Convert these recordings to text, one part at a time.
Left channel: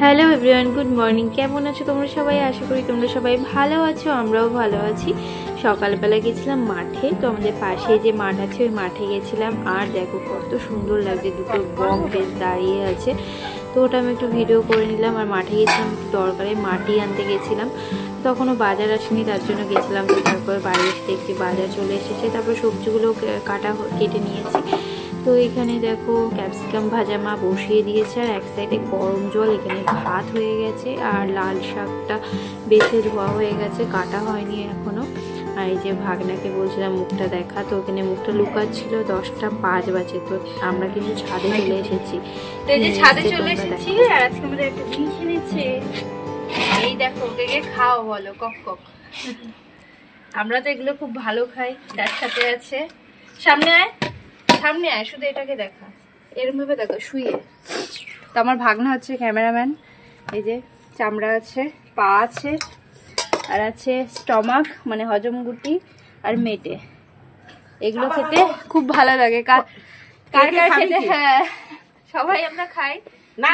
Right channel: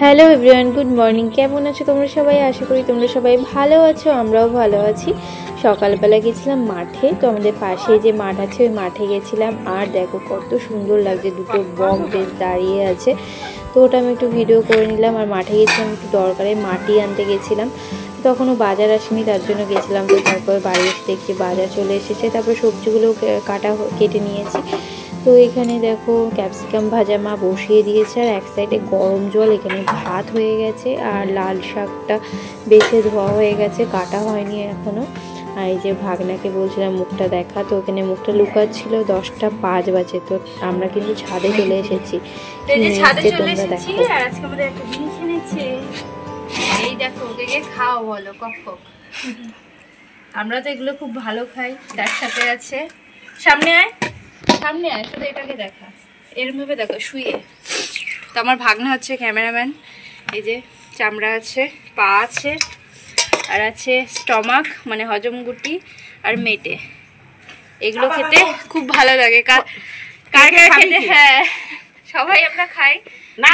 Hello everyone, good morning. কেমন আছো তোমরা সবাই? আশা করি তোমরা সবাই ভালো আছো, আমরাও ভালো আছি। সকালবেলা গেছিলাম মাঠে, তো আমাদের পাশে যে মাঠ আছে ওই মাঠে গেছিলাম। আর দেখো কত সুন্দর লাগছে, দুটো বক বেশ দাঁড়িয়ে আছে, তো ওটা আমি একটু ভিডিও করে নিলাম। আর মাঠে গেছিলাম একটু দরকারে মাটি আনতে গেছিলাম, তখনও বাজার আসেনি, তার জন্য গেছিলাম। তো তারপরে বাড়ি এসে দেখছি বাজার চলে এসেছে, তারপর সবজিগুলো কেটে নিয়েছি। তো এখানে দেখো ক্যাপসিকাম ভাজা মা বসিয়ে দিয়েছে, আর এক সাইডে গরম জল, এখানে ভাত হয়ে গেছে, আর লাল শাকটা বেছে ধোয়া হয়ে গেছে, কাটা হয়নি এখনো। আর এই যে ভাগনাকে বলছিলাম মুখটা দেখা, তো ওখানে মুখটা লুকাচ্ছিল। 10টা 5 বাজে, তো আমরা কিন্তু ছাদে চলে এসেছি। আর আজকে আমাদের একটা জিনিস এনেছে, এই দেখো, ওকে খাও বলো, কক কক। আমরা তো এগুলো খুব ভালো খাই। তার সাথে আছে, সামনে আয় সামনে আয়, শুধু এটাকে দেখা, এরকম ভাবে দেখো শুয়ে। তো আমার ভাগনা হচ্ছে ক্যামেরাম্যান। এই যে চামড়া আছে, পা আছে, আর আছে স্টমাক মানে হজমগুটি, আর মেটে। এগুলো খেতে খুব ভালো লাগে। কার কার খেতে? হ্যাঁ, সবাই আমরা খাই না।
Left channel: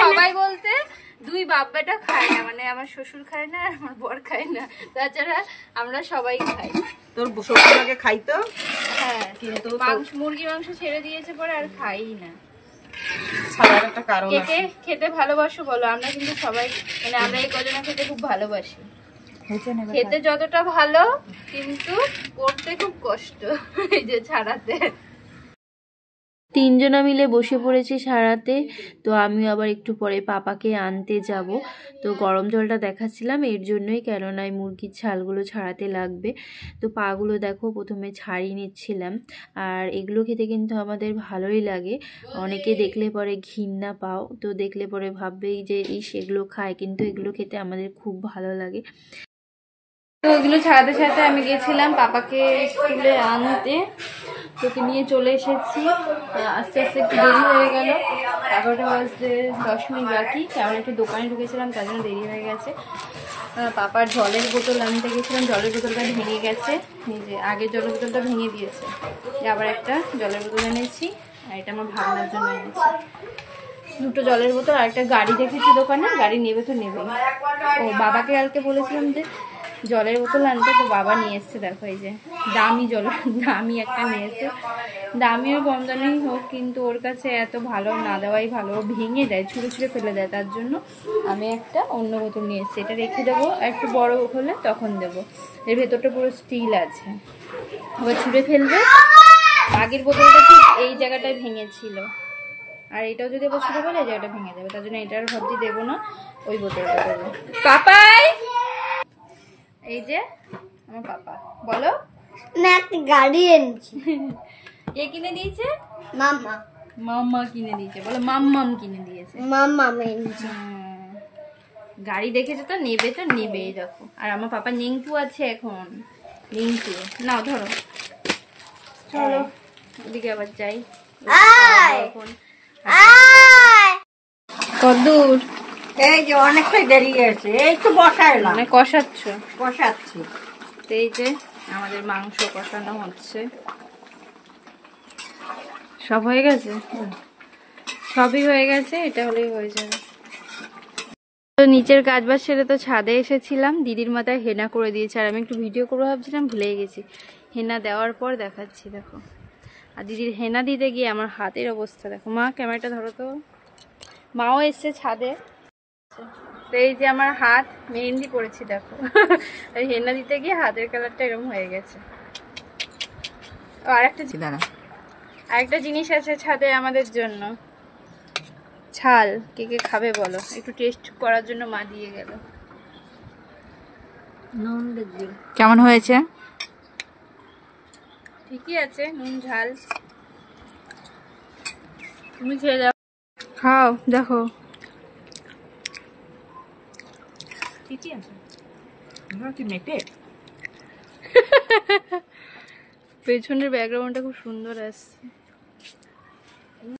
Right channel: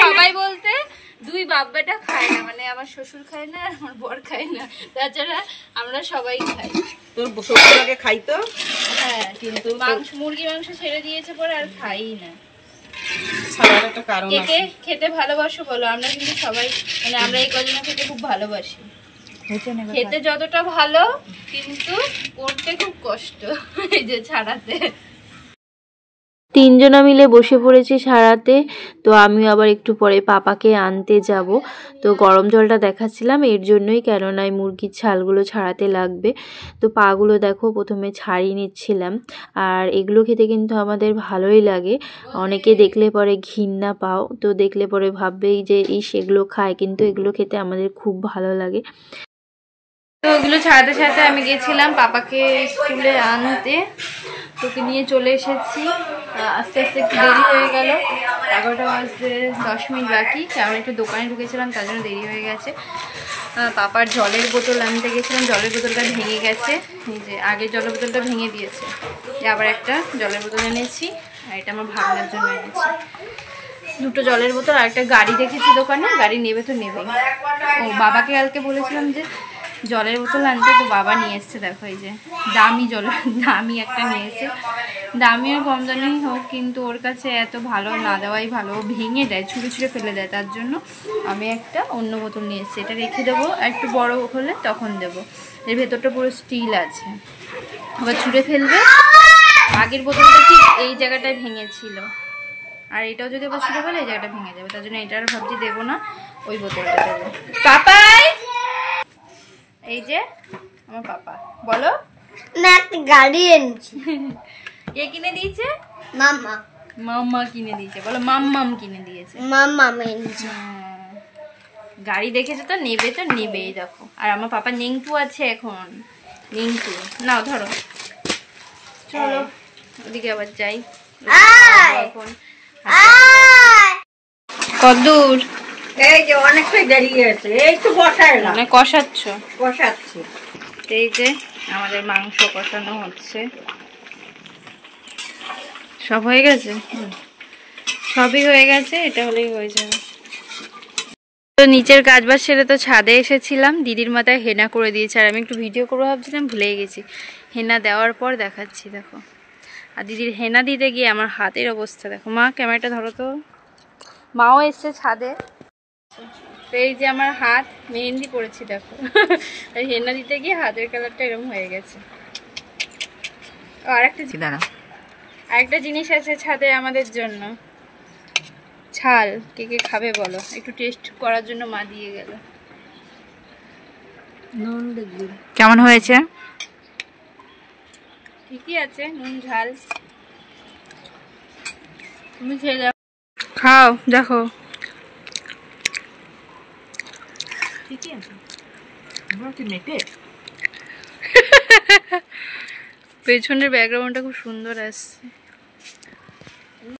সবাই বলতে দুই বাপ বেটা খায় না, মানে আমার শ্বশুর খায় না আর আমার বর খায় না, তাছাড়া আমরা সবাই খাই। তোর শ্বশুর আগে খাইতো, হ্যাঁ, কিন্তু মুরগি মাংস ছেড়ে দিয়েছে পরে আর খাই না। একটা কারণ আছে। কে খেতে ভালোবাসো বলো? আমরা কিন্তু সবাই, মানে আমরা এই কজনা খেতে খুব ভালোবাসি। খেতে যতটা ভালো, কিন্তু করতে খুব কষ্ট, এই যে ছাড়াতে। 3 জনা মিলে বসে পড়েছি সারাতে। তো আমি আবার একটু পরে পাপাকে আনতে যাব। তো গরম জলটা দেখাচ্ছিলাম এর জন্যই, কেননা এই মুরগির ছালগুলো ছাড়াতে লাগবে। তো পাগুলো দেখো প্রথমে ছাড়িয়ে নিচ্ছিলাম। আর এগুলো খেতে কিন্তু আমাদের ভালোই লাগে। অনেকে দেখলে পরে ঘৃণা পাও, তো দেখলে পরে ভাববেই যে এগুলো খায়, কিন্তু এগুলো খেতে আমাদের খুব ভালো লাগে। তো ওগুলো ছাড়াতে ছাড়াতে আমি গেছিলাম পাপাকে স্কুলে আনতে, তোকে নিয়ে চলে এসেছি। আস্তে আস্তে একটু দেরি হয়ে গেল, 11টা বাজতে 10 মিনিট বাকি, কারণ একটু দোকানে ঢুকেছিলাম, তার জন্য দেরি হয়ে গেছে। পাপার জলের বোতল আনতে গেছিলাম, জলের বোতলটা ভেঙে গেছে। এই যে আগের জলের বোতলটা ভেঙে দিয়েছে, আবার একটা জলের বোতল এনেছি, আর এটা আমার ভাবনার জন্য এনেছি। 2টো জলের বোতল, আর একটা গাড়ি দেখেছি দোকানে, গাড়ি নেবে তো নেবেই। ও বাবাকে কালকে বলেছিলাম যে জলের বোতল আনতে, তো বাবা নিয়ে এসছে। দেখো এই যে দামি একটা নিয়ে এসে, দামিও কম দামি হোক, কিন্তু ওর কাছে এত ভালো না দেওয়াই ভালো। ভেঙে দেয়, ছুঁড়ে ছুঁড়ে ফেলে দেয়, তার জন্য আমি একটা অন্য বোতল নিয়ে এসেছি। এটা রেখে দেবো, একটু বড় হলে তখন দেবো। এর ভেতরটা পুরো স্টিল আছে, আবার ছুঁড়ে ফেলবে। আগের বোতলটা ঠিক এই জায়গাটায় ভেঙেছিল, আর এটাও যদি আবার ছুঁড়ে ফেলে এই জায়গাটা ভেঙে যাবে, তার জন্য এটার ভাবছি দেবো না, ওই বোতলটা দেবো। পাপাই, এই যে আমার পাপা, বলো না, একটা গাড়ি এনেছি। কে কিনে দিয়েছে? মাম্মা। মাম্মা কিনে দিয়েছে, বলো মাম্মাম কিনে দিয়েছে। মাম্মা এনেছে। গাড়ি দেখেছে তো নেবে তো নেবেই, দেখো। আর আমার পাপা নিংটু আছে এখন, নিংটু নাও ধরো, চলো ওদিকে আবার যাই এখন। কদ্দূর? এই যে অনেকটাই দেরি হয়েছে, এই তো বসাইলাম, মানে কষাচ্ছ? বসাচ্ছি। এই যে আমাদের মাংস কষানো হচ্ছে, সব হয়ে গেছে, সবই হয়ে গেছে, এটা হলেই হয়ে যাবে। তো নিচের কাজবাজ সেরে তো ছাদে এসেছিলাম, দিদির মাথায় হেনা করে দিয়েছে, আর আমি একটু ভিডিও করবো ভাবছিলাম, ভুলেই গেছি। হেনা দেওয়ার পর দেখাচ্ছি, দেখো। আর দিদির হেনা দিতে গিয়ে আমার হাতের অবস্থা দেখো। মা ক্যামেরাটা ধরো তো। মাও এসছে ছাদে, তো এই যে আমার হাত মেহেন্দি পড়েছি দেখো। আর হেনা দিতে গিয়ে হাতের কালারটা এরকম হয়ে গেছে। আরেকটা জিনিস আছে ছাদে আমাদের জন্য, ছাল। কে কে খাবে বলো? একটু টেস্ট করার জন্য মা দিয়ে গেল। কেমন হয়েছে? ঠিকই আছে, নুন ঝাল। তুমি খেয়ে যাও, খাও, দেখো ঠিকই আছে। পেছনের ব্যাকগ্রাউন্ডটা খুব সুন্দর আসছে।